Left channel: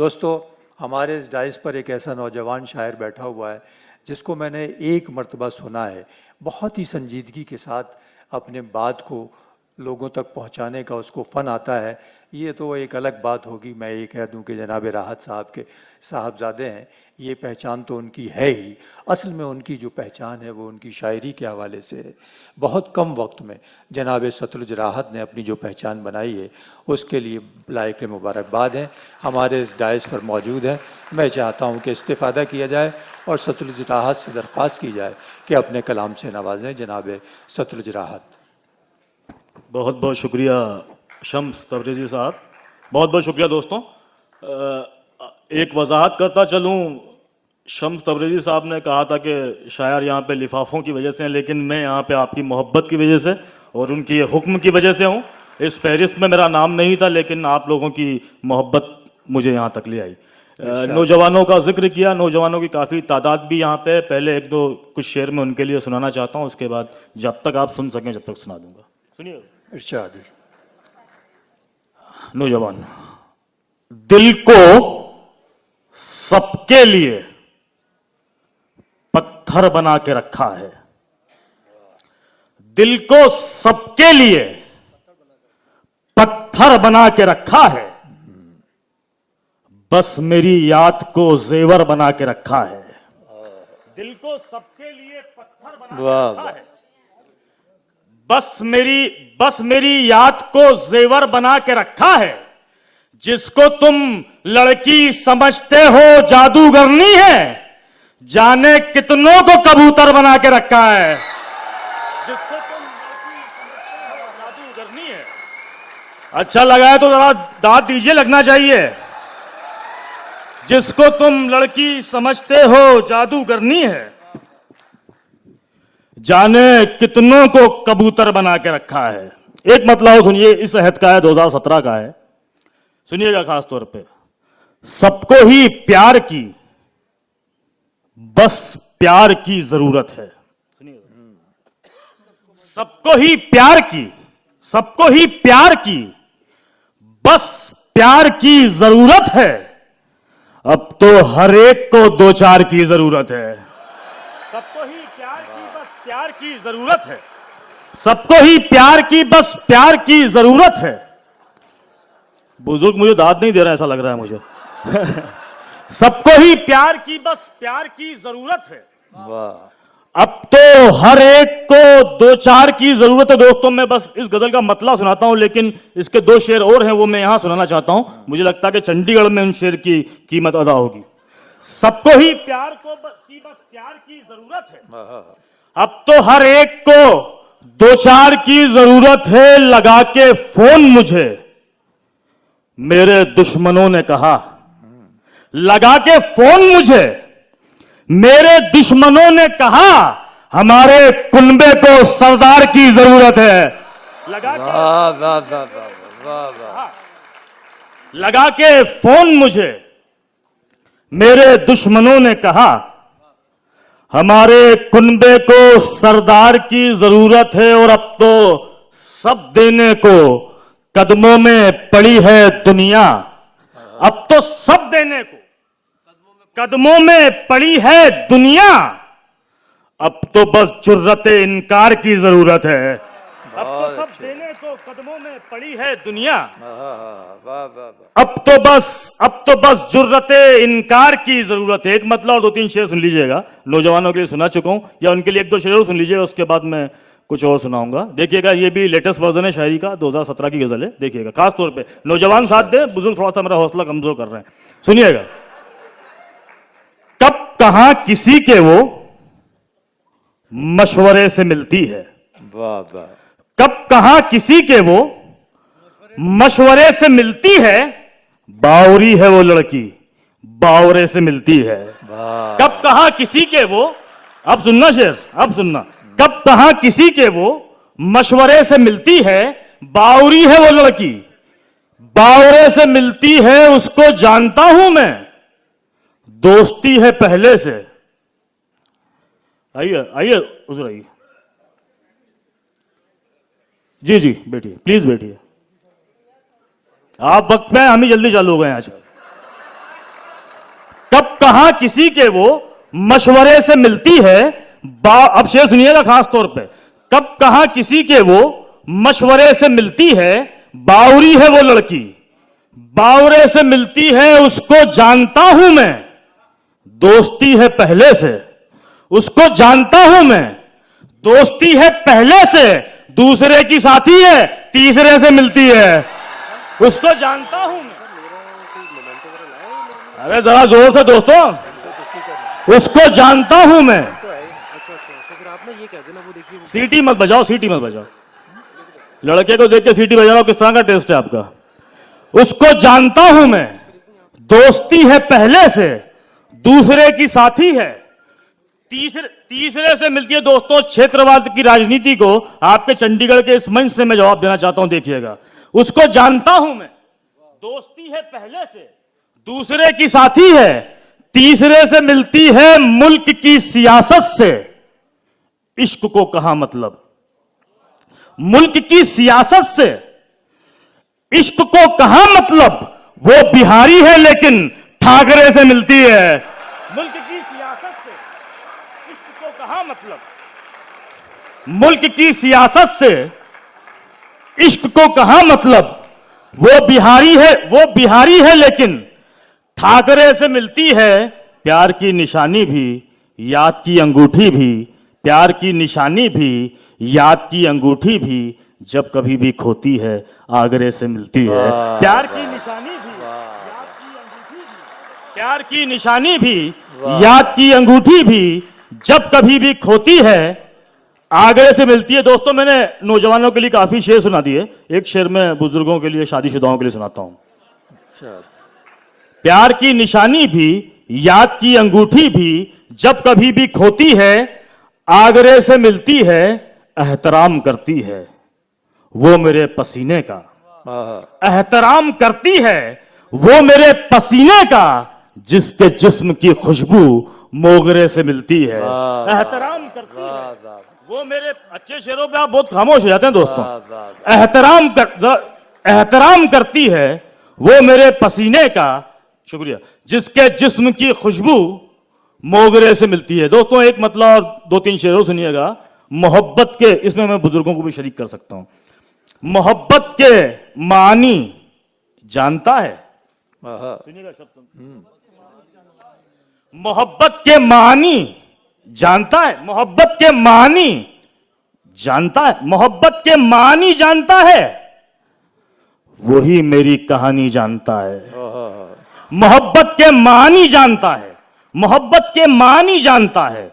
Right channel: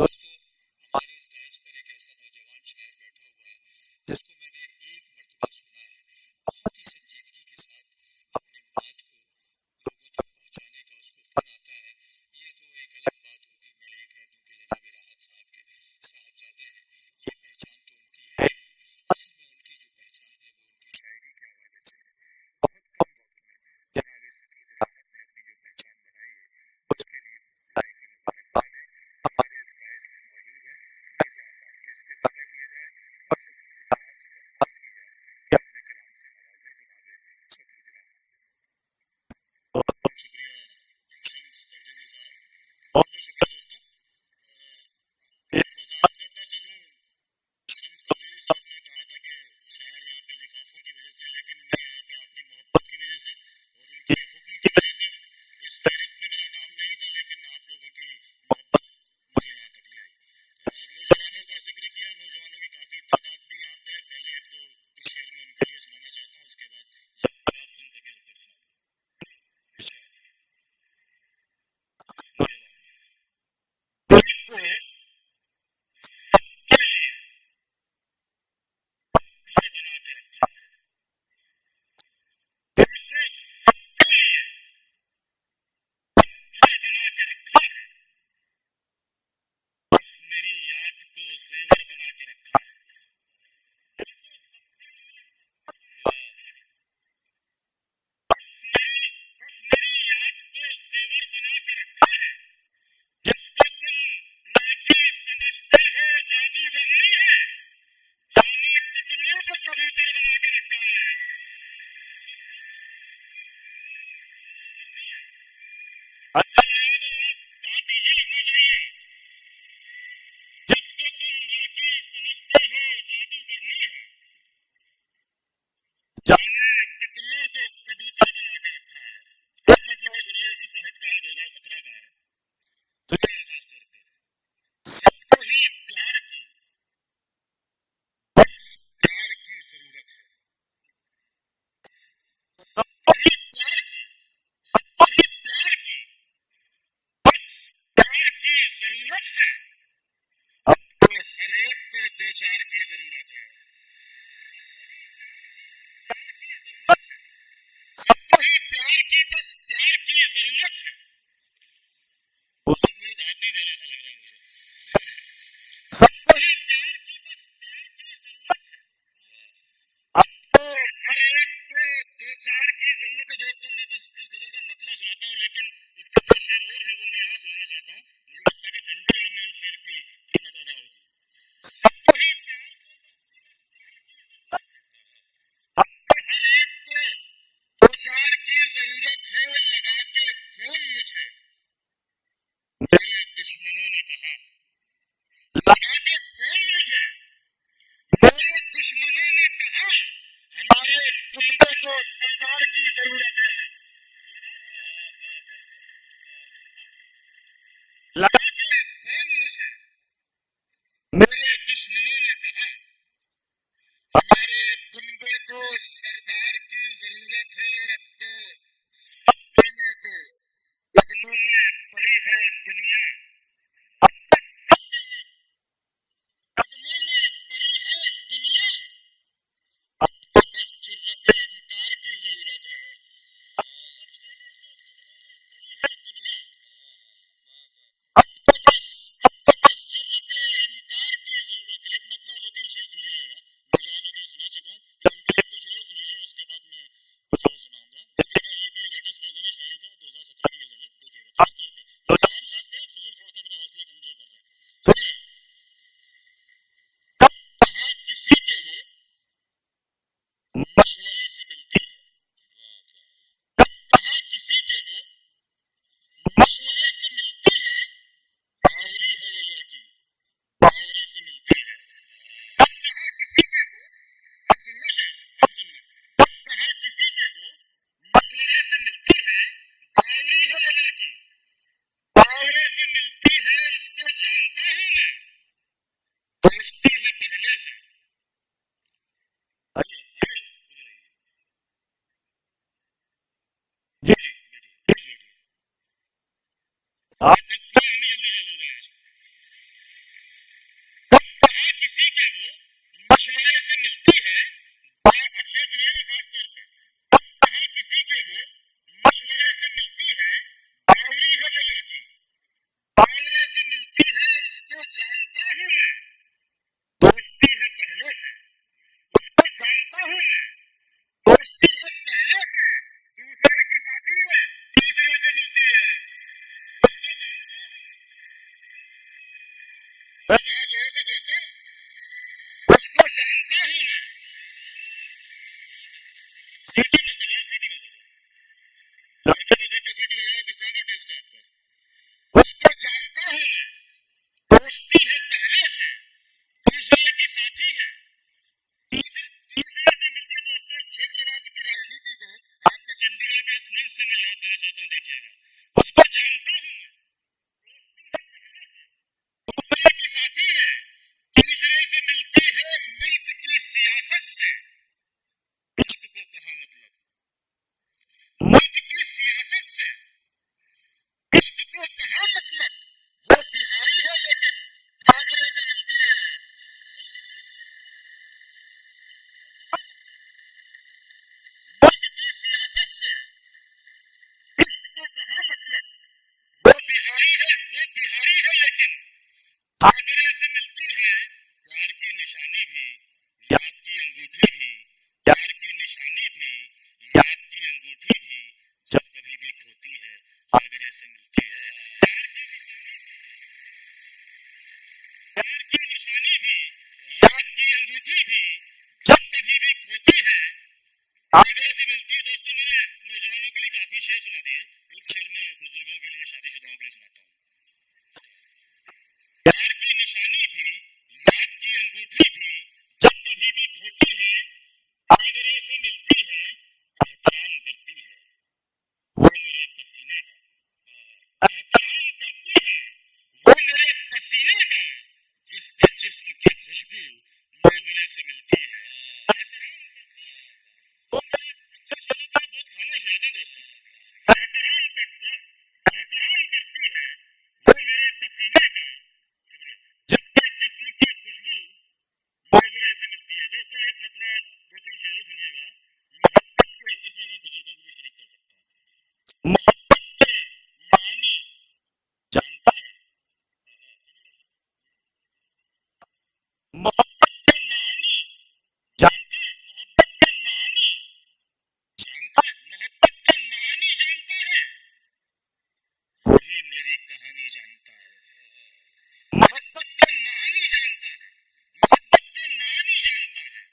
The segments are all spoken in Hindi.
दोस्तों, हमारे इस डाइस पर एक ऐसा नौजवान शायर बैठा हुआ है जिसको मैंने एक मर्तबा सुना है। बहुत ही संजीदगी के साथ अपने बात को लोगों तक पहुंचाने का उसको फ़न आता है। ये तो एक अलग बात होगी, मैं ये कह दूं कि जनाब राहत साहब के साहबजादे हैं, ये पहचान तो उनकी है ही। असल में उनकी जो पहचान है वो उनकी शायरी के हवाले से है। बहुत कम वक्त में जनाब सतलुज राहत ने अपनी जो पहचान बनाई है उसके लिए लायक मुबारकबाद हैं। हमारे इस डाइस पर मौजूद हैं। मैं चाहता हूँ कि इस्तिफ़ादा किया जाए और सतलुज राहत से दरख्वास्त की जाए कि अपने कलाम से नवाजें जनाब सतलुज राहत। बहुत बहुत शुक्रिया शम्स तबरेज़ी साहब, बहुत बहुत शुक्रिया। दोस्तों, एक वजाहत करता चलूँ, शम्स तबरेज़ी साहब ने कहा था कि शायर यहाँ पे लिफाफों की वजह से हैं, लेकिन मैं यहाँ पे आपकी मोहब्बत की वजह से और उनकी ये हुक्म की वजह से हूँ। इस फहरिस्त में मेरा नाम नहीं था, लेकिन आप लोगों की मोहब्बत मुझे यहाँ तक ले आई। नौजवानों का जिक्र किया, नौजवानों की काफ़ी तादाद भी यहाँ पे। पहले एक दो कुछ शेर में उनके लिए सुनाना चाहता हूँ, उसके बाद जब तक आप सुन सकें जब तक सुना दूंगा। सुनिए। इरशाद। नौजवान, दिल को सबके लिए पत्थर बना के रखा है, दिल को सबके लिए पत्थर बना के रखा है, बस मेरी याद को जेवर बना के रखा है। दिल को सबके लिए पत्थर बना के रखा है, बस मेरी याद को जेवर बना के रखा है। जिसको तुम लड़की समझते हो जादूगरनी है, जाने कितनों को कबूतर बना के रखा है। जिसको तुम लड़की समझते हो जादूगरनी है, अच्छा लगा है तो जरा दांत दीजिए, लगना चाहिए। जिसको तुम लड़की समझते हो जादूगरनी है, जाने कितनों को कबूतर बना के रखा है। एक मतलब सुनिए, इस अहद का है, 2017 का है, सुनिएगा खास तौर पे। सबको ही प्यार की, बस प्यार की जरूरत है। सुनिएगा, सबको ही प्यार की, सबको ही प्यार की, बस प्यार की जरूरत है। अब तो हर एक को दो चार की जरूरत है। सबको ही प्यार की, बस प्यार की जरूरत है। सबको ही प्यार की, बस प्यार की जरूरत है। बुजुर्ग मुझे दाद नहीं दे रहा, ऐसा लग रहा है मुझे। सबको ही प्यार की, बस प्यार की जरूरत है। वाह। अब तो हर एक को दो चार की जरूरत है। दोस्तों, मैं बस इस गजल का मतलब सुनाता हूं, लेकिन इसके दो शेर और हैं, वो मैं यहां सुनाना चाहता हूं। मुझे लगता है कि चंडीगढ़ में उन शेर की कीमत अदा होगी। सबको ही प्यार को बस प्यार की जरूरत है। अब तो हर एक को दो चार की जरूरत है। लगा के फोन मुझे मेरे दुश्मनों ने कहा, लगा के फोन मुझे मेरे दुश्मनों ने कहा, हमारे कुनबे को सरदार की जरूरत है। लगा के लगा के फोन मुझे मेरे दुश्मनों ने कहा, हमारे कुनबे को सरदार की जरूरत है। और अब तो सब देने को कदमों में पड़ी है दुनिया। अब तो सब देने को कदमों में पड़ी है दुनिया। अब तो बस जुर्रते इनकार की जरूरत है। अब तो सब देने को कदमों में पड़ी है दुनिया। अब तो बस जुर्रते इनकार की जरूरत है। एक मतलब और दो तीन शेर सुन लीजिएगा, नौजवानों के लिए सुना चुका हूं, या उनके लिए एक दो शेर और सुन लीजिएगा, उसके बाद मैं कुछ और सुनाऊंगा। देखिएगा, ये भी लेटेस्ट वर्जन है शायरी का, 2017 की गजल है। देखिएगा, खास तौर पे नौजवान साथ दे, बुजुर्ग थोड़ा सा मेरा हौसला कमजोर कर रहे हैं। सुनिएगा। कब कहां किसी के वो मशवरे से मिलती है, कब कहां किसी के वो मशवरे से मिलती है, बावरी है वो लड़की बावरे से मिलती है। कब कहां किसी के वो, अब सुनना शेर, अब सुनना। कब कहां किसी के वो मशवरे से मिलती है, बावरी है वो लड़की बावरे से मिलती है। उसको जानता हूं मैं, दोस्ती है पहले से। आइए आइए हुजूर आइए। जी जी बैठिए, प्लीज बैठिए। आप वक्त में, हम ही जल्दी चालू हो गए आज। कहां किसी के वो मशवरे से मिलती है, अब शेर सुनिएगा खास तौर पे, कब कहां किसी के वो मशवरे से मिलती है, बावरी है वो लड़की, बावरे से मिलती है उसको जानता हूं मैं, दोस्ती है पहले से, उसको जानता हूं मैं, दोस्ती है पहले से, दूसरे की साथी है, तीसरे से मिलती है, उसको जानता हूं मैं। अरे जरा जोर से दोस्तों, उसको जानता हूं मैं। सीटी मत बजाओ, सीटी मत बजाओ, लड़के को देख के सीटी बजा रहा हूं, किस तरह का टेस्ट है आपका। उसको जानता हूं मैं, दोस्ती है पहले से, दूसरे की साथी है, तीसरे से मिलती है। दोस्तों, क्षेत्रवाद की राजनीति को आपके चंडीगढ़ के इस मंच से मैं जवाब देना चाहता हूं, देखिएगा। उसको जानता हूं मैं, दोस्ती है पहले से, दूसरे की साथी है, तीसरे से मिलती है मुल्क की सियासत से। इश्क को कहां मतलब, मुल्क की सियासत से इश्क को कहां मतलब, वो बिहारी है लेकिन ठाकरे से मिलती है। मुल्क की सियासत से इश्क को कहां मतलब, मुल्क की सियासत से इश्क को कहां मतलब, वो बिहारी है लेकिन ठाकरे से मिलती है। प्यार की निशानी भी, याद की अंगूठी भी, प्यार की निशानी भी, याद की अंगूठी भी, जब कभी भी खोती है आगरे से मिलती है। प्यार की निशानी भी, याद की अंगूठी भी, प्यार की निशानी भी, याद की अंगूठी भी, जब कभी भी खोती है आगरे से मिलती है। दोस्तों, मैंने नौजवानों के लिए काफी शेर सुना दिए, एक शेर मैं बुजुर्गों के लिए, शादीशुदाओं के लिए सुनाता हूं। प्यार की निशानी भी, याद की अंगूठी भी, जब कभी भी खोती है आगरे से मिलती है। एहतराम करती है वो मेरे पसीने का, एहतराम करती है वो मेरे पसीने का, जिसके जिस्म की खुशबू मोगरे से मिलती है। एहतराम करती है वो मेरे, अच्छे शेरों पे आप बहुत खामोश हो जाते हैं दोस्तों। एहतराम करती है वो मेरे पसीने का, शुक्रिया, जिसके जिस्म की खुशबू मोगरे से मिलती है। दोस्तों, एक मतलब 2-3 शेरों सुनिएगा। मोहब्बत के, इसमें मैं बुजुर्गों को भी शरीक कर सकता हूं। मोहब्बत के मानी जानता है, सुनिएगा शब्द, मोहब्बत के मानी जानता है, मोहब्बत के मानी जानता है, मोहब्बत के मानी जानता है, वही मेरी कहानी जानता है। मोहब्बत के मानी जानता है, मोहब्बत के मानी जानता है,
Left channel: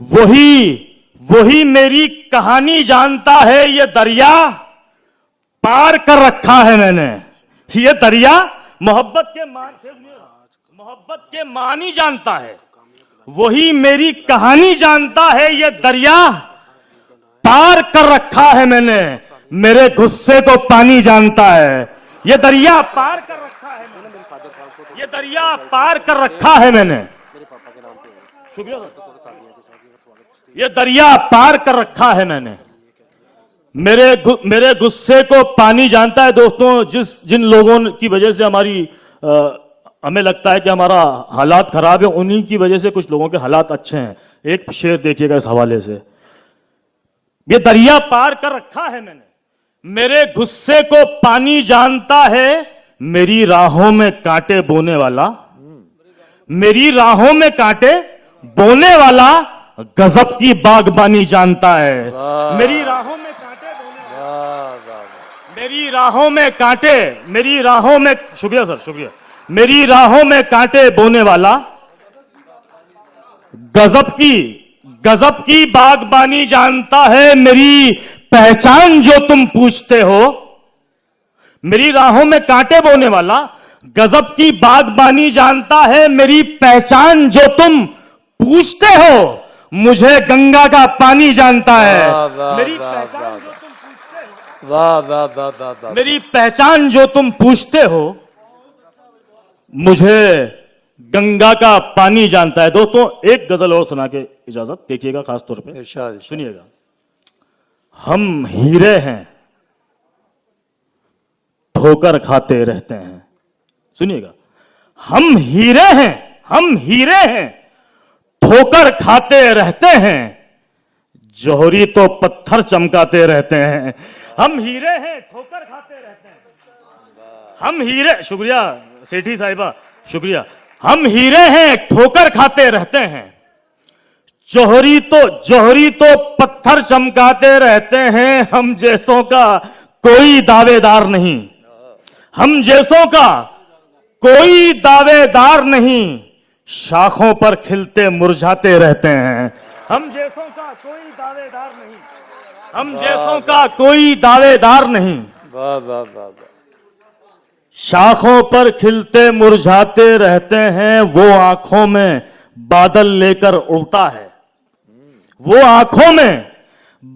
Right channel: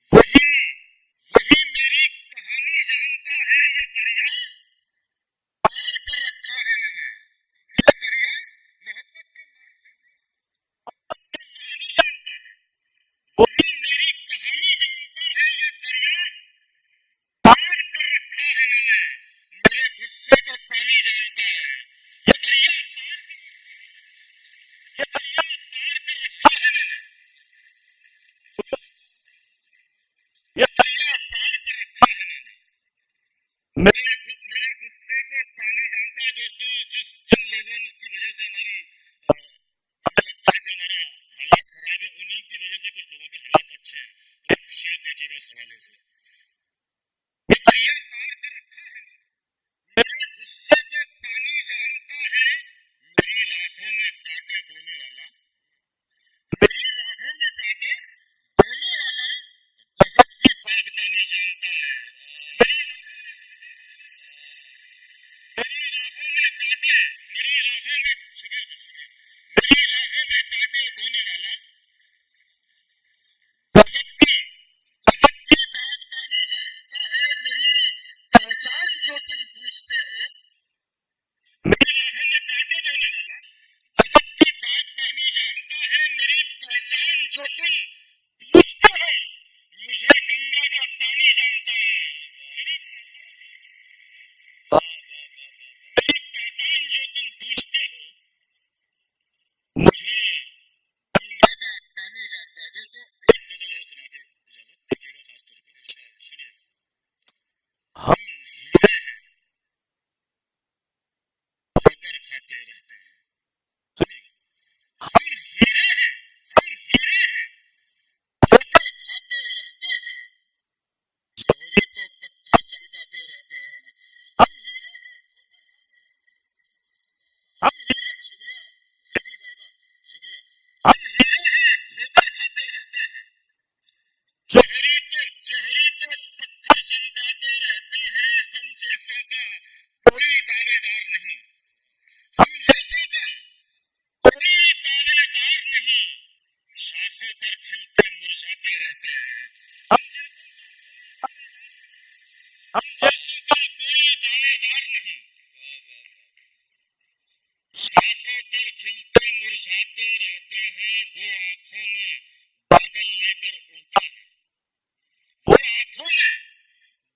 वही मेरी कहानी जानता है। ये दरिया पार कर रखा है मैंने, ये दरिया मोहब्बत के मानी जानता है, वही मेरी कहानी जानता है। ये दरिया पार कर रखा है मैंने, मेरे गुस्से को पानी जानता है। ये दरिया पार कर रखा है मैंने, ये दरिया पार कर रखा है मैंने, शुक्रिया, ये दरिया पार कर रखा है मैंने, मेरे गुस्से को पानी जानता है। दोस्तों, जिन लोगों की वजह से हमें लगता है कि हमारा हालात खराब है, उन्हीं की वजह से कुछ लोगों के हालात अच्छे हैं। एक शेर देखिएगा इस हवाले से, ये दरिया पार कर रखा है मैंने, मेरे गुस्से को पानी जानता है, मेरी राहों में कांटे बोने वाला, मेरी राहों में कांटे बोने वाला, गजब की बागबानी जानता है। मेरी राहों में कांटे बोने वाला, मेरी राहों में कांटे, मेरी राहों में, शुक्रिया सर, शुक्रिया, मेरी राहों में कांटे बोने वाला, गजब की बागबानी जानता है। मेरी पहचान जो तुम पूछते हो, मेरी राहों में कांटे बोने वाला, गजब की बागबानी जानता है। मेरी पहचान जो तुम पूछते हो, मुझे गंगा का पानी जानता है। मेरी पहचान जो तुम पूछते हो, वाह वाह वाह वाह, मेरी पहचान जो तुम पूछते हो, मुझे गंगा का पानी जानता है। दोस्तों, एक गजल और सुना के इजाजत, देखिएगा खास तौर पे, सुनिएगा। हम हीरे हैं ठोकर खाते रहते हैं, सुनिएगा। हम हीरे हैं, हम हीरे हैं, ठोकर खाते रहते हैं, जौहरी तो पत्थर चमकाते रहते हैं। हम हीरे हैं, ठोकर खाते रहते हैं, हम हीरे, शुक्रिया सेठी साहिबा, शुक्रिया। हम हीरे हैं, ठोकर खाते रहते हैं, जौहरी तो पत्थर चमकाते रहते हैं। हम जैसों का कोई दावेदार नहीं, हम जैसों का कोई दावेदार नहीं, शाखों पर खिलते मुरझाते रहते हैं। हम जैसों का कोई दावेदार नहीं, हम जैसों का कोई दावेदार नहीं, वाह वाह वाह वाह। शाखों पर खिलते मुरझाते रहते हैं। वो आंखों में बादल लेकर उड़ता है, वो आंखों में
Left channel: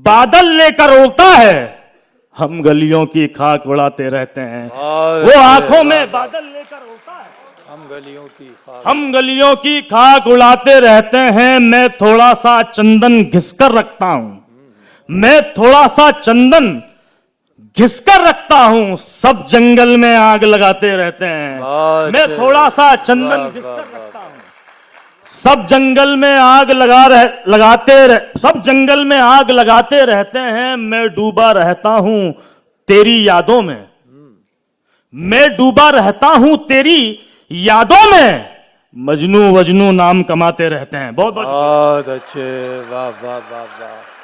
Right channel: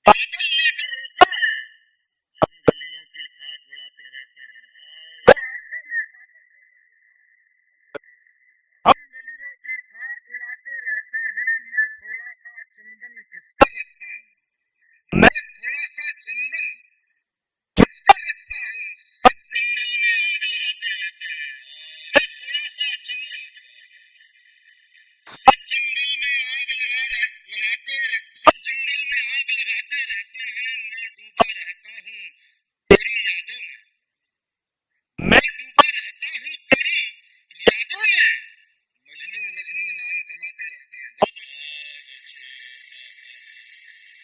बादल लेकर उड़ता है। हम गलियों की खाक उड़ाते रहते हैं। वो आंखों में बादल लेकर उड़ता है, हम गलियों की खाक उड़ाते रहते हैं। मैं थोड़ा सा चंदन घिसकर रखता हूं, मैं थोड़ा सा चंदन घिसकर रखता हूं, सब जंगल में आग लगाते रहते हैं। मैं थोड़ा सा चंदन घिसकर रखता हूं, सब जंगल में आग सब जंगल में आग लगाते रहते हैं। मैं डूबा रहता हूं तेरी यादों में, मैं डूबा रहता हूं तेरी यादों में, मजनू वजनू नाम कमाते रहते हैं। बहुत बहुत अच्छे, वाह वाह वाह वाह।